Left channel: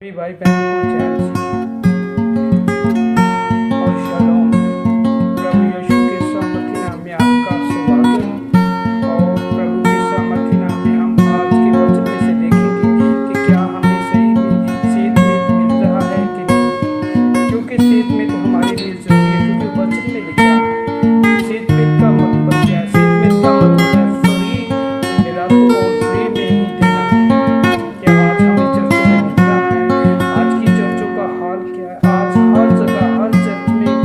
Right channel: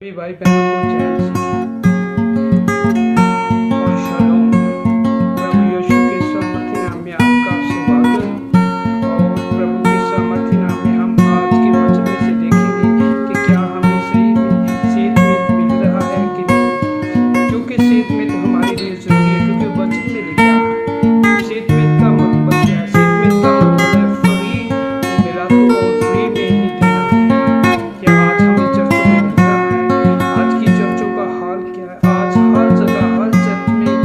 सभी भाई बहनों को चैन सीखी और शलोम। प्रभु यीशु के सामर्थी नाम में आपका स्वागत। और प्रभु के सामर्थी नाम में हम आज के वचन में से देखेंगे कि क्या हमें सही में सेहतमंद मिल रहा है कि नहीं, क्योंकि सेहतमंद हमारे लिए ज़रूरी है। क्योंकि वचन में लिखा है सेहतमंद का मतलब क्या है। सेहतमंद का मतलब है फ्री में मिला तो और फ्री में ही देना है। क्या आज हमें चर्चों में मिल रहा है? आज की चर्चों का हाल क्या है? आज हर जगह हर चर्च में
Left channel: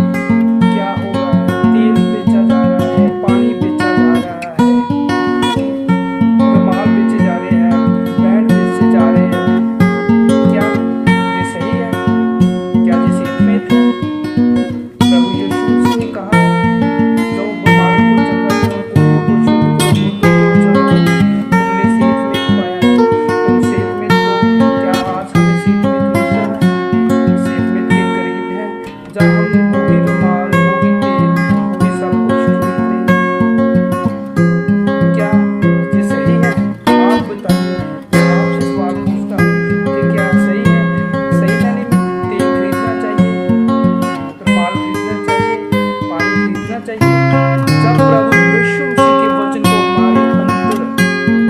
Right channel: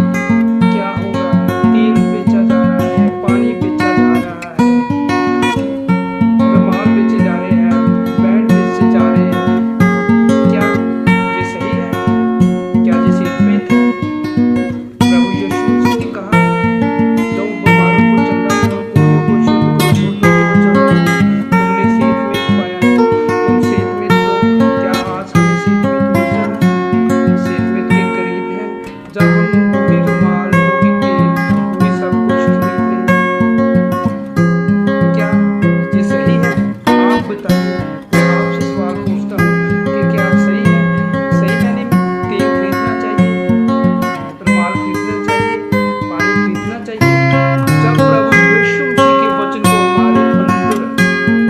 क्या हो रहा है? तेल बेचा जा रहा है, पानी बेचा जा रहा है, रुमाल बेचे जा रहे हैं, बैंड बेचे जा रहे हैं। क्या ये सही है? क्या ये सेहतमंद है? प्रभु यीशु मसीह ने कहा है, जो बीमारों को चंगा करो, कोढ़ियों को शुद्ध करो, मुर्दों को चलाओ, तुमने सेहतमंद पाया है। तुम सेहतमंद तो क्या आज हमें सेहतमंद मिल रहा है? सेहतमंद के करीब हैं, जहाँ हम वही रुमाल, वही तेल, वही सब कुछ खरीद रहे हैं। क्या ये सही है? आप बताइए। मैं आपसे सवाल पूछता हूँ कि क्या सही है? सही मायने में तेल खरीदना चाहिए, रुमाल खरीदना चाहिए, पानी खरीदना चाहिए? जब प्रभु यीशु मसीह के वचन को हमारे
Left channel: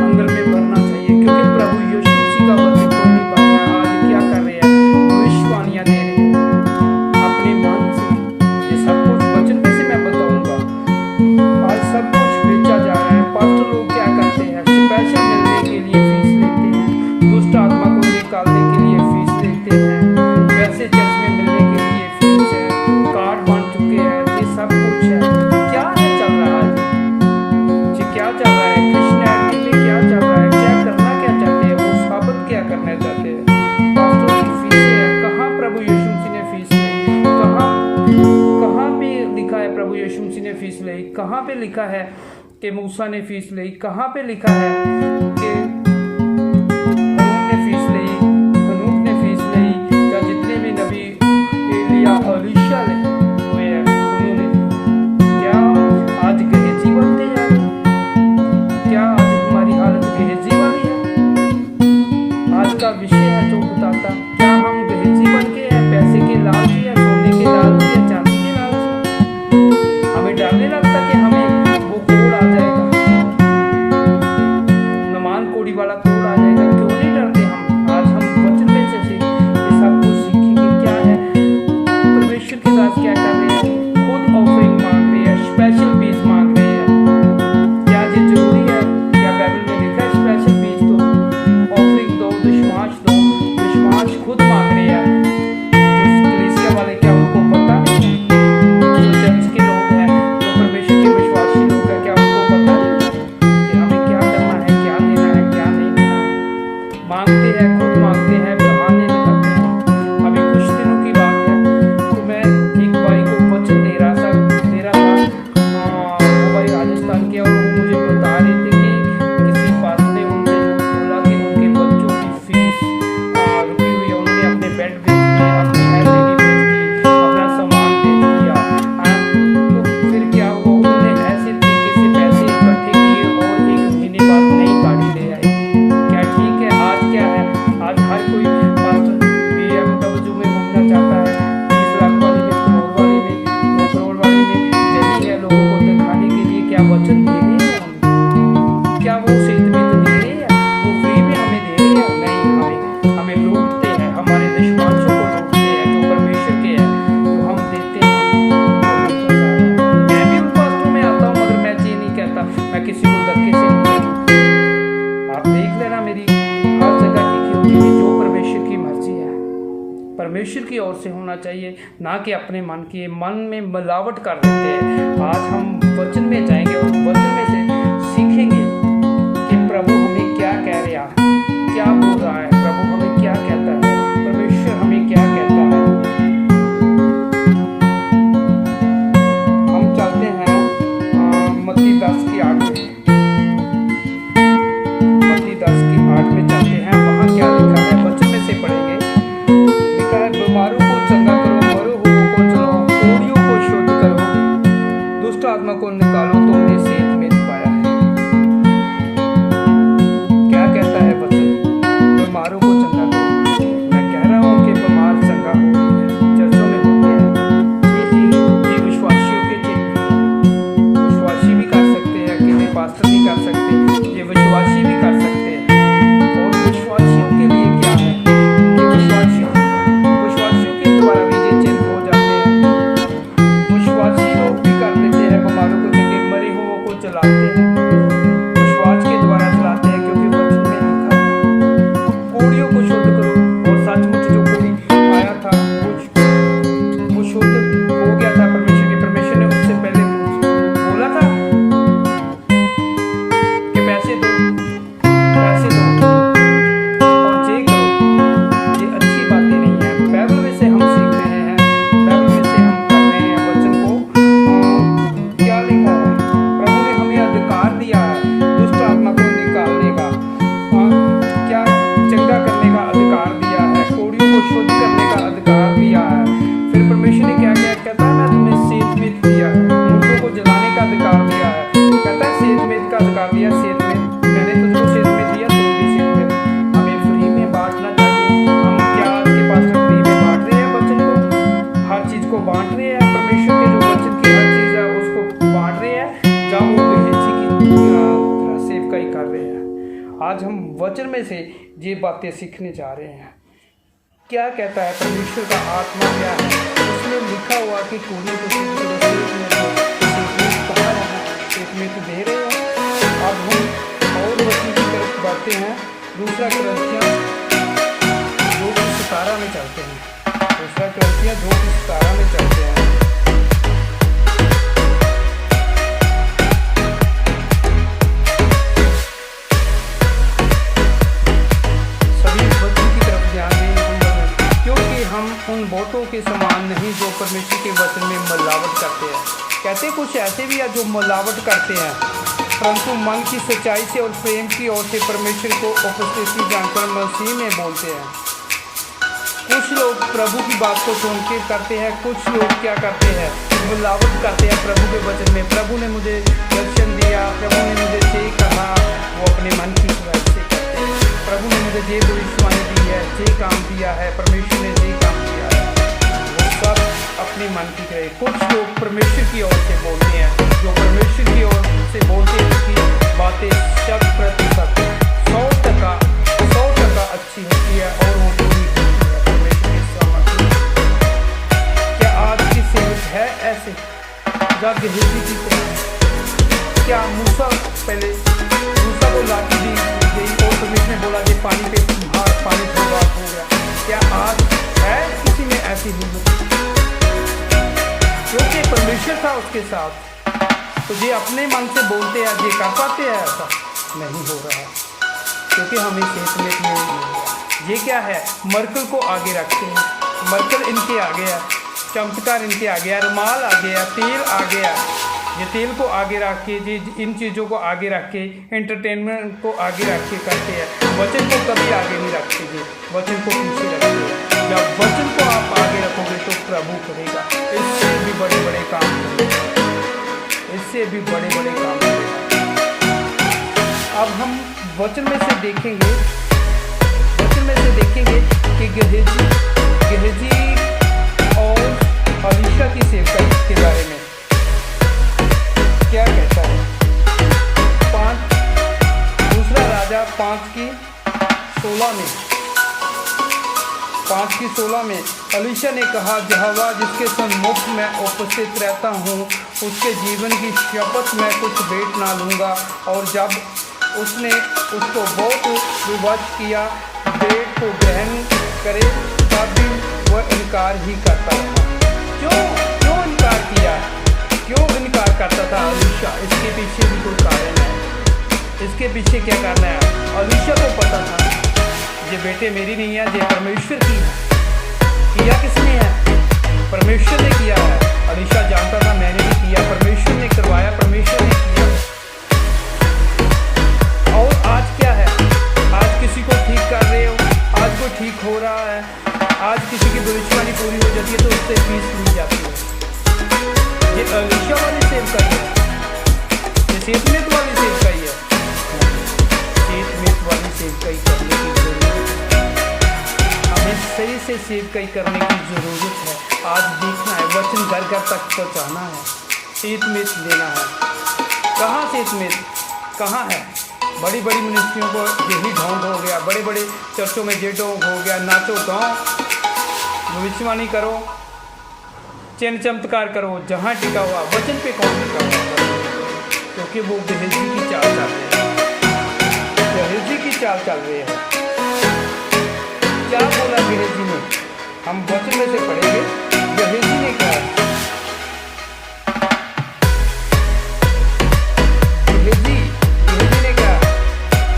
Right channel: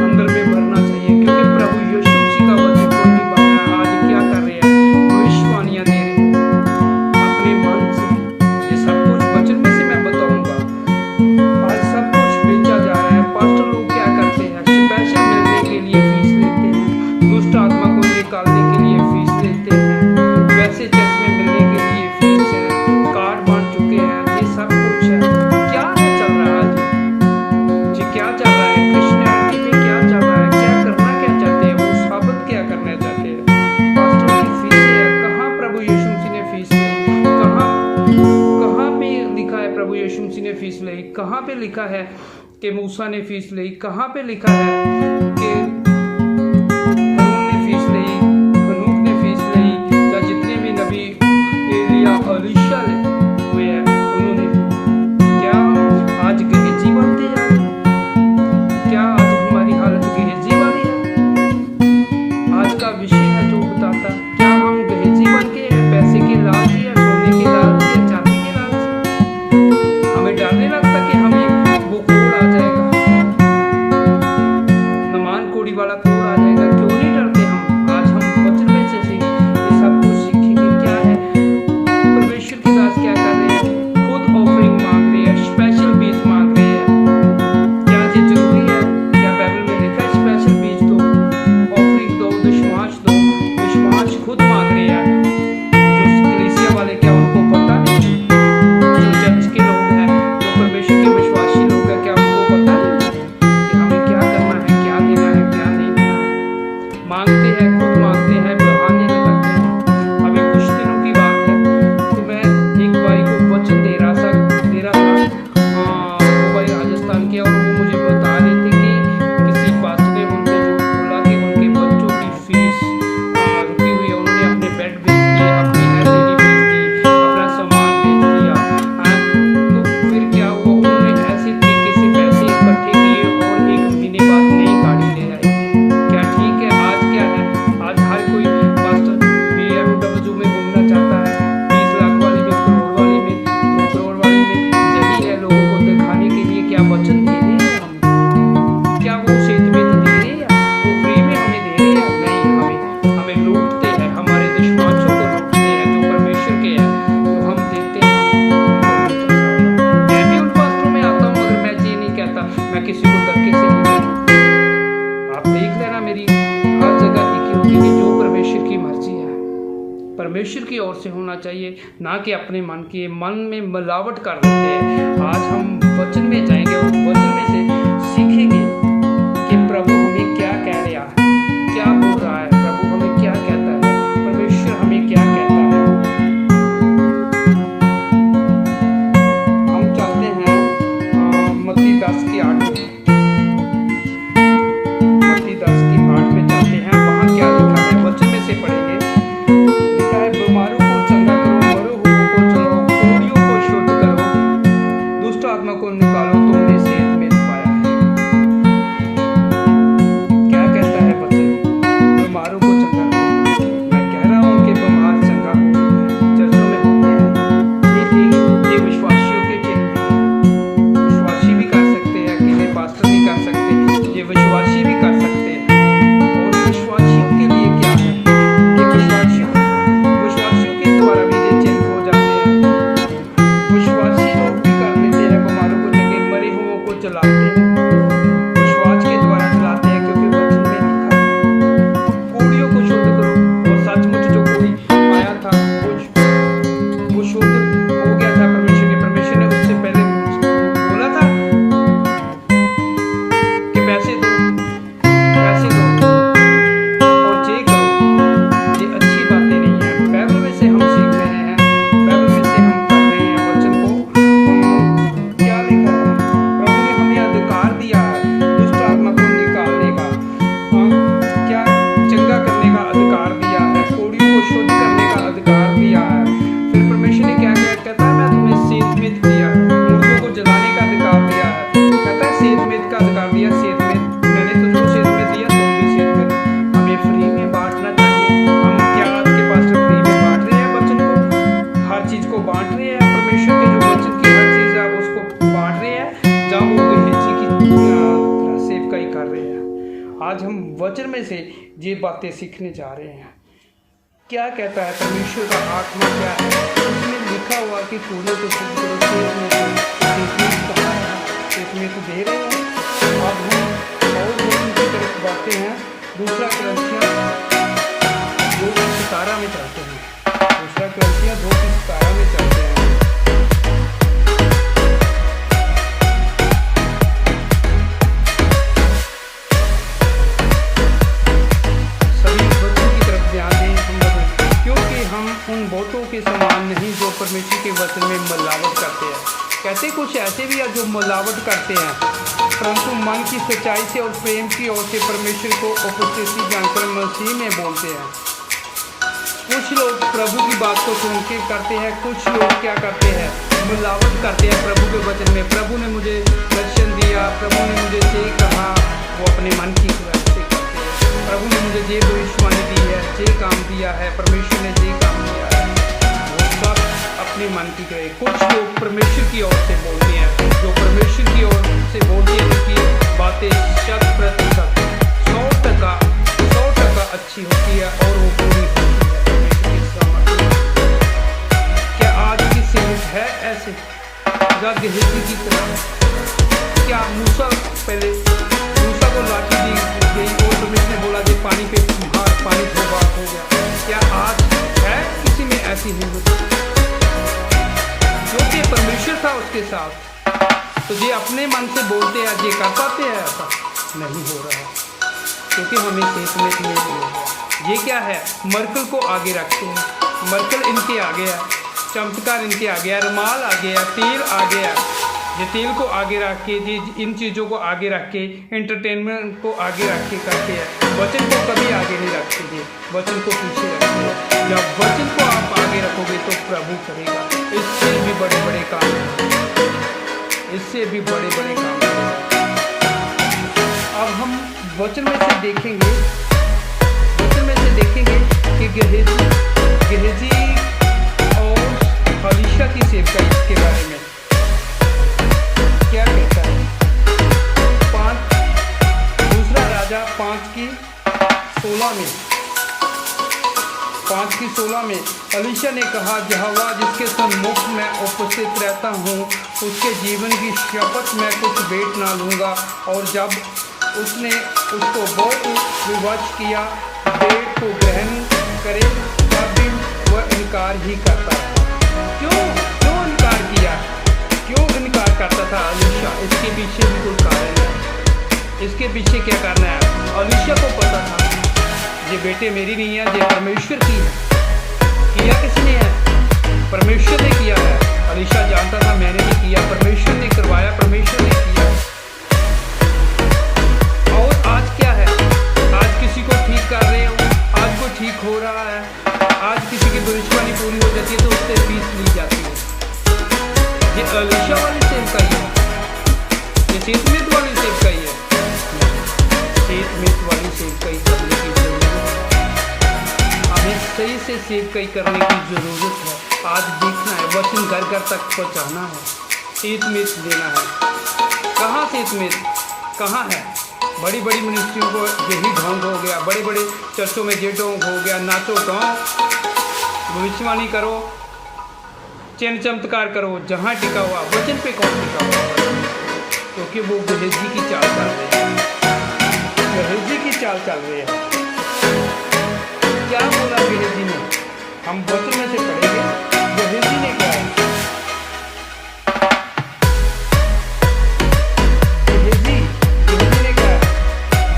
अंदर में भरना चाहिए, क्योंकि प्रभु यीशु मसीह का वचन कोई नहीं भर रहा है। आज क्या कर रहे हैं? भविष्यवाणियाँ दे रहे हैं अपने मन से। ये सब कुछ वचन में से मैं बताऊंगा। आज सब कुछ बेचा जा रहा है। पास्टर लोग क्या करते हैं? स्पेशल मिलने के लिए फीस लेते हैं, दुष्ट आत्मा को निकालने के लिए फीस लेते हैं, वैसे चर्च में मिलने के लिए फीस है, कार्ड बांट चुके हैं। ये सब कुछ है। क्या है चल रहा है जी क्या चल रहा है? क्रिश्चियनिटी में क्या चल रहा है? क्या करना क्या चाहते हैं वो? साबित क्या करना चाहते हैं? पास्टरों की फीसें हैं। कहाँ प्रभु यीशु मसीह ने फीस ली? कहाँ पे लिखा है प्रभु यीशु मसीह ने फीस ली? कहाँ पे लिखा है कि मूसा ने फीस ली? कहाँ पे लिखा है कि हारून ने फीस ली, हनूक ने फीस ली, या जितने भी नबी एलिया अलीशा हुए हैं उन्होंने ली है? क्या हम आज गहेजी बनते जा रहे हैं? क्या आज हमारी हालत गहेजी वाली है? आज का विषय है जो बताता, क्या हम गहेजी बन के हैं? पैसे के लालची है, सोने के लालची है, चांदी के लालची है? हमें डर नहीं लगता कि हमें वो कोड आ जाएगा, नमान कोड़ी वाला कोड आ जाएगा? क्यों नहीं डरते हम? आज हम वचन में से ये सब कुछ सीखेंगे। क्या है परमेश्वर के दास क्या कर रहे हैं? खुद ऑफरिंग मांग रहे हैं, स्पेशल बीज मांग रहे हैं। क्या ये ज़रूरी है? क्या बाइबल में लिखा है स्पेशल बीज दो, ऑफरिंग दो, दशमाश दो? दशमाश खुद मांग रहे हैं। जो कलीसिया वाले, क्या उनको पता नहीं है? जो चर्च के लोग हैं, जो परमेश्वर के विश्वासी लोग हैं, क्या उनको पता नहीं है कि हमें क्या करना है, क्या देना है, क्या नहीं देना है? मांगते हैं, खुद मांगते हैं, बहाने लगाते हैं। अभी कुछ दिनों की बात है, तो मैं एक भाई को वचन दे रहा था। वो भाई राजस्थान के, और वो मुझे बता रहे थे कि किसी पास्टर ने उनसे झूठ बोला कि उनके बच्चों की फीस रुकी हुई है। उन्होंने अपने बेड बेच दिए, अपनी LED बेच दी, अपना सामान बेच दिया। तो फिर क्या हुआ? उन्होंने ऐसे तरीके से पैसे इकट्ठे किए और 1 महीने बाद नई गाड़ी ले आए। क्या ठीक है? आज क्या है? आज हर कोई पास्टर BMW में घूमना चाहता है, 30 लाख वाली में, करोड़ वाली में, 2 करोड़ वाली में। यही है लोगों को दिखाने के लिए। क्या वचन दे रहे हैं हमें? क्या वो सेहतमंद दे रहे हैं? वो फ्री में हमें दे रहे हैं? नहीं, हमें लूटते हैं, हमारे दुश्मनों को लूटते हैं। जो परमेश्वर के हैं, जो हम देते हैं, उनको लूटा जा रहा है। मैं भी उन पास्टरों में आता हूँ, मगर मैं ये नहीं कहता, मैं किसी को धक्के से नहीं कहता। आप देख लेना, मेरी हर जगह एक ही होगी कि जो परमेश्वर की मर्जी है, परमेश्वर की ओर से होना चाहिए, ना कि अपने मन की। मन में मिलावट कर लेते हैं। आज हम वचन में जाएंगे और वचन में से सीखेंगे कि प्रभु हमें क्या कह रहा है, क्या बोल रहा है, प्रभु हमें क्या कहता है, परमेश्वर हमें क्या कहता है। हम चलते हैं मत्ती 10:8 में। मत्ती 10:8 में चलते हैं। वहाँ क्या लिखा है? वचन में से पढ़ेंगे। लिखा है, बीमारों को चंगा करो, मरे हुओं को चलाओ, कोढ़ियों को शुद्ध करो, दुष्ट आत्मा को निकालो, तुमने सेहतमंद पाया है। क्या कहता है वचन? बीमारों को चंगा करो। मैं कह रहा हूँ कि बीमार चंगा हो रही है। चर्चों में होते हैं ये विश्वासियों के चिन्ह भी हैं। विश्वासी भी कर सकते हैं, अकेले पास्टर नहीं कर सकते, ये विश्वासी भी कर सकते हैं। और विश्वासियों के लिए क्या है कि विश्वासियों के द्वारा भी ये चिन्ह हो जाते हैं। विश्वासी लोग भी कर लेते हैं, बीमारों को चंगे, मरे हुओं को जलाते हैं, विश्वास के द्वारा जलाते हैं, क्योंकि वचन में लिखा है कोड़ियों को शुद्ध करो। और सचमुच जो कोड़ी आया था वो शुद्ध हो गया था परमेश्वर ने उससे पहले बोला था कि पैसे दो और ये करो। ये अच्छी बातें नहीं हैं। बाइबल में से हम सीख रहे हैं, बाइबल में से हम कर रहे हैं वचन को। क्या लिखा है? प्रभु ने हमें अधिकार दिया है दुष्ट आत्मा को निकालने का, क्या चंगा करने का अधिकार दिया है, कोड़ियों को शुद्ध करने का अधिकार दिया है। फिर परमेश्वर ने क्या क्या कहता है? मैं तुम्हें सेतमेत दिया है, मुर्दों को जलाने का अधिकार दिया है। कहता है सेतमेत का अधिकार दिया। सेतमेत मैंने तुझको सेतमेत दिया, तुम भी सेतमेत। हमें फ्री में बांटना चाहिए। हम क्या आज के पास्टर फ्री में बांट रहे हैं वचन को? हर चीज़ को बांट रहे हैं। परमेश्वर के जो वचन की हर चीज़ है उसको बांट रहे हैं, जहाँ वो गेहजी की तरह सेवकाई कर रहे हैं। आज हम वचन में से ये बातें सीखने जा रहे हैं। क्या कहता है परमेश्वर का आत्मा क्या है? उसमें लिखा हुआ कि कोड़ियों को शुद्ध करो। सेतमेत कहाँ रहा? सेतमेत तो दे रहे हैं। अब हम और वचन की तरफ बढ़ते हैं। दूसरा कुरिन्थियों 2:17 में चलते हैं। दूसरा कुरिन्थियों 2:17 में चलते हैं। सभी वचन की तरफ ध्यान दें, क्योंकि हम उन बहुतों के समान नहीं जो परमेश्वर के वचन में मिलावट करते हैं। कहते कुछ ऐसे भी हैं जो मिलावट करते हैं, परंतु मन की सच्चाई से और प्रेम की ओर से परमेश्वर को उपस्थिति जानकर मसीह में बोलते हैं। कुछ लोग प्रभु की बात को सुन के करते हैं, कुछ लोग क्या करते हैं? मिलावट करते हैं प्रभु के वचन में। प्रभु ने मुझे लक्षण दिया, प्रभु ने मुझे ये कहा, वो अपने मन की सुराई से करते हैं। प्रभु ने मुझे ये भविष्यवाणी दी है, ये काम दिया है, परमेश्वर ने ये काम दिया है, वो सब अपने मन की करे। कुछ लोग परमेश्वर की ओर से बोलते हैं, जो परमेश्वर की ओर से बोलते हैं उसकी बातें 100% 100% अच्छी होती है और वो पूरी होती है परमेश्वर के सामने। क्या आज की सेवक है ऐसे या गेहजी की तरह? क्या मूसा को लाठी दी गई और परमेश्वर ने बोला कि पानी पे पानी थोड़ा हो गया? क्या आज है किसी में ऐसी हिम्मत? क्योंकि परमेश्वर था उसके साथ, तो ये अपने मन से बोलते हैं, ये कर पाते हैं? ऐसा नहीं हो रहा, क्योंकि हमें सेतमेत नहीं मिल गया। ये क्या है? मरकल को आगे रखते हैं, मरकल इनके आगे है, चमत्कार इनके आगे है, रुमाल आ गया, तेल आ गया। ये तेल को आगे रख के, ये इन चीज़ों को आगे रख के, एंटरटेनमेंट को आगे रख के करते हैं। वचन को कभी आगे नहीं रखते, ये वचन को पीछे रखते हैं। जब वचन को आप आगे रखोगे तो प्रभु करेगा, इससे भी बड़े बड़े काम करेगा, इससे भी बड़े बड़े काम करेगा। अब हम वचन में से देखेंगे कि गेहजी और अलीशा की सेवकाई के बारे में क्या कहता है। 2 राजा 5:16 में अलीशा ने कहा, यहोवा जिसके सम्मुख मैं उपस्थित रहता हूँ उसके जीवन की शपथ मैं कुछ भेंट ना लूँगा। और जब उसने उसको बहुत विवश किया भेंट को ग्रहण करे, तब भी वह इनकार ही करता रहा। क्यों इनकार किया? क्यों इनकार करता था अलीशा? इसके पीछे भी कोई कारण है। इसके पीछे क्या करना है? अलीशा को पता था ये बेटे मेरी नहीं है, ये परमेश्वर की है। किया किसने है? परमेश्वर ने किया है। अलीशा जानता था मैंने नहीं किया, परमेश्वर ने करवाया, परमेश्वर ने किया है। और आज क्या है? आज किसी को ठीक कर रहे हो, आज कोई ठीक हो रहा है, आज किसी की भविष्यवाणी पूरी हो जाती है तो उससे फीस ली जाती है। ये अलीशा वाली सेवकाई है, ये सेतमेत वाली सेवकाई है। सेतमेत वाली सेवकाई करने की जरूरत है। हमें सही से सेवकाई करने की ज़रूरत है। आज देखना है, वचन घर घर तक पहुँचाना है, सेतमेत लेना है। कहाँ सेतमेत कहाँ है? बड़ी बड़ी मिनिस्ट्रियों को यही ढोंग हो गया, बड़े बड़े चर्चों में ये ढोंग हो गया, नाचो गाओ, भविष्यवाणी करो, चिन्ह चमत्कार करो। जहाँ टिका हुआ वचन पे कौन टिका हुआ? क्योंकि वो गेहजी की चाल चल रहे हैं, गेहजी की चाल चल रही है। क्या बोला गेहजी ने? हम वचन में से पढ़ेंगे गेहजी ने क्या है। गेहजी ने क्या?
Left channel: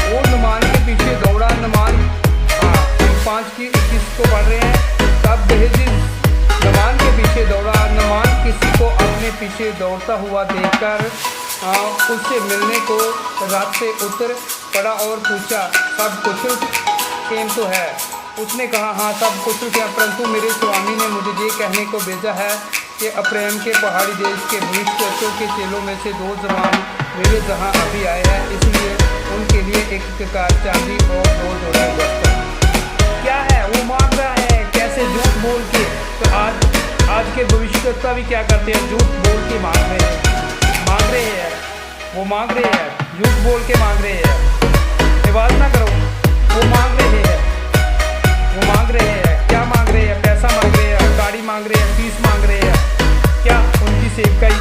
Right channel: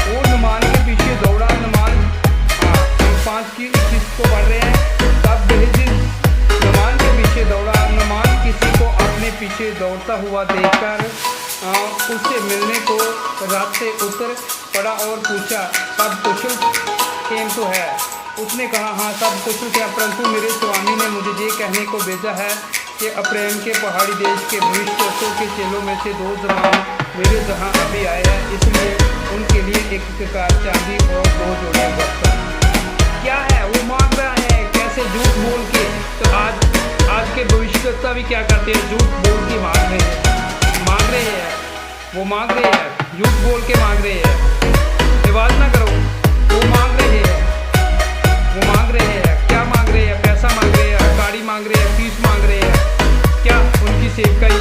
वो नमान के पीछे दौड़ा। नमान 5:21 को पढ़ रहे हैं। तब गेहजी नमान के पीछे दौड़ा। नमान किसी को अपने पीछे दौड़ता हुआ देखकर उससे मिलने को रात से उतर पड़ा और पूछा, सब कुशल केम तो है? उसने कहा, हाँ सब कुशल क्या, परंतु मेरे स्वामी ने मुझे ये कहने को भेजा है कि अप्रैम के पहाड़ी देश के भविष्यवक्ताओं के चेलों में से 2 जवान मेरे जहाँ अभी आए हैं, इसलिए उनके लिए एक ककार चांदी और 2 जोड़े वस्त्र। क्या है वो मांग रहा है? कैसे? झूठ बोल के। तो आज के भविष्यवक्ता भी क्या करते हैं? झूठ बोल के मांग रहे हैं, वो मांग रहे हैं, झूठ बोल के मांग रहे हैं। आवाज ना करो, वो मांग रहे हैं, वो मांग रहे हैं। क्या मांग रहे हैं? पैसा मांग रहे हैं, गाड़ी मांग रहे हैं, फीस मांग रहे हैं। क्या उनकी सेवकाई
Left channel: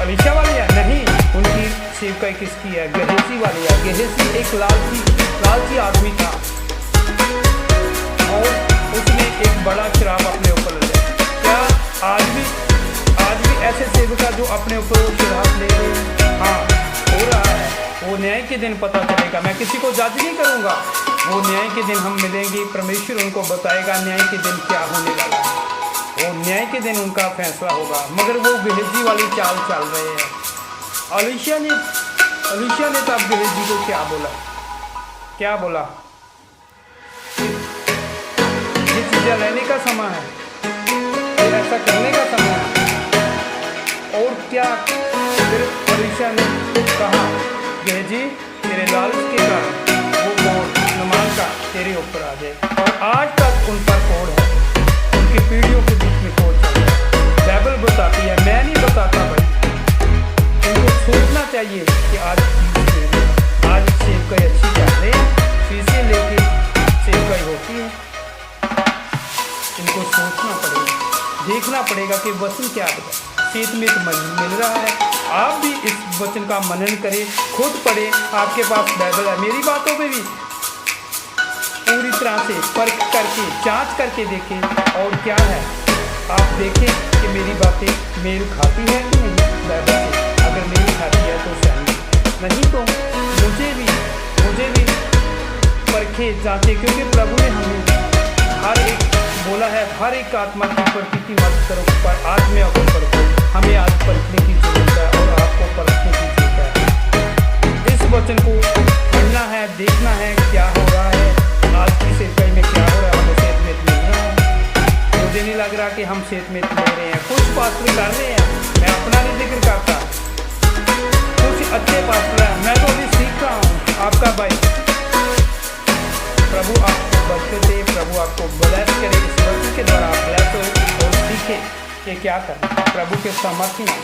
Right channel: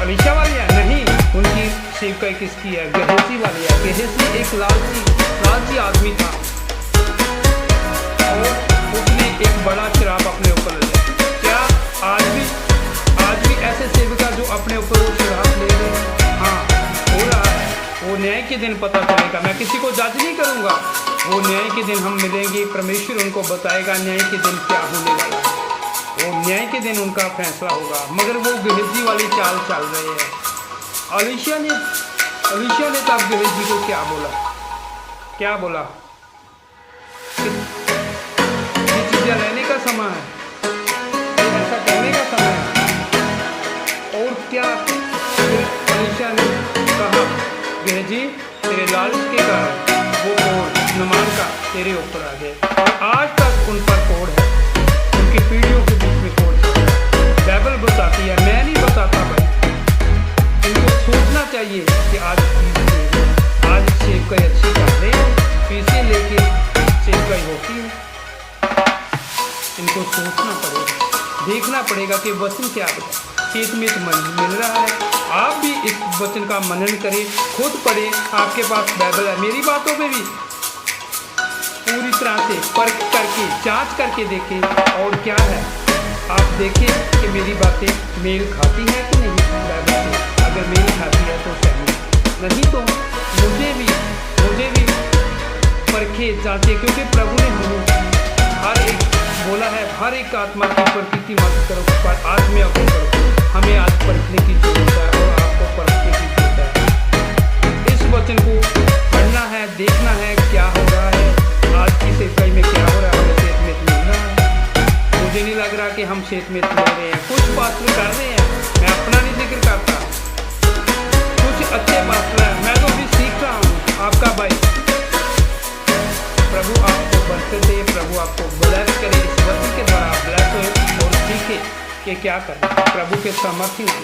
अलीशा वाली है? नहीं, उनकी सेवकाई किसकी है? गेहजी वाली है। गेहजी एक लालची आदमी था और उसने एक बड़ा शराब अपने ऊपर ले लिया। क्या आज भी ऐसे सेवका जो अपने ऊपर वो शराब ले रहे हैं? हाँ, हो रहा है। वो न्याय के दिन पता चलेगा। मैं किसी को जज नहीं करूँगा, वो न्याय के दिन हम मिलेंगे, परमेश्वर उनको बताएगा न्याय के दिन क्या होने वाला है। वो न्याय के दिन उनका फैसला होगा। मगर वो गेहजी वाली चाल चल रहे हैं। अलीशा ने तब गेहजी को क्या बोला? ये चीज़ें लेने का समय है, ये ऐसा करने का समय है। और क्या फिर अलीशा ने कहा, गेहजी तेरे लालच के कारण वो कोड़ नमान का तेरे ऊपर आ जाए। और आज तक उन पर कोड़ है, उनकी पीढ़ियों के बीच में कोड़ चल रहा है। बाइबल बताती है, मैं नहीं बताता भाई। इनको सोचना चाहिए कि आज सेवकाई अच्छी कर रहे हैं, फीसें लेके सेवकाई होती है। इनको सोचना पड़ेगा, देखना पड़ेगा कि वचन क्या बता। सेतमेत मिल रहा है। आप भी इस वचन का मनन करें, खुद पढ़ें। आपके पास बाइबल है। मेरी बातों पे भी पूरी तरह से परख करके, जांच करके देखें। और क्या है, आप देखें कि मेरी बातें मेल खाती है कि नहीं बाइबल से। अगर मेल खाती है तो सहमत, नहीं तो मुझे भी परखे, जांचे। क्योंकि प्रभु ने हमें हर एक बोला है, हर एक आत्मा की प्रकृति मत करो, पर आत्मा को परखो। हमें आज परखने की जरूरत है और आपको परखने की जरूरत है। इस वचन को पढ़ना है, देखना है क्या हो रहा है, आज की सेवकाई में क्या हो रहा है। हमें सेतमेत मिल रहा है। मुझे नहीं लग रहा कि हम सेतमेत ले रहे हैं। कुछ पास्टर कर रहे हैं, मैं अपना नहीं जिक्र करता, कुछ अच्छे पास्टर हैं। मैं तो अभी सीख रहा हूँ, आपका भाई। प्रभु आपको बरकत दे, प्रभु आपको ब्लेस करे। इस वचन के द्वारा आप ब्लेस हो और सीखे कि क्या करना। प्रभु के सामर्थ्य नाम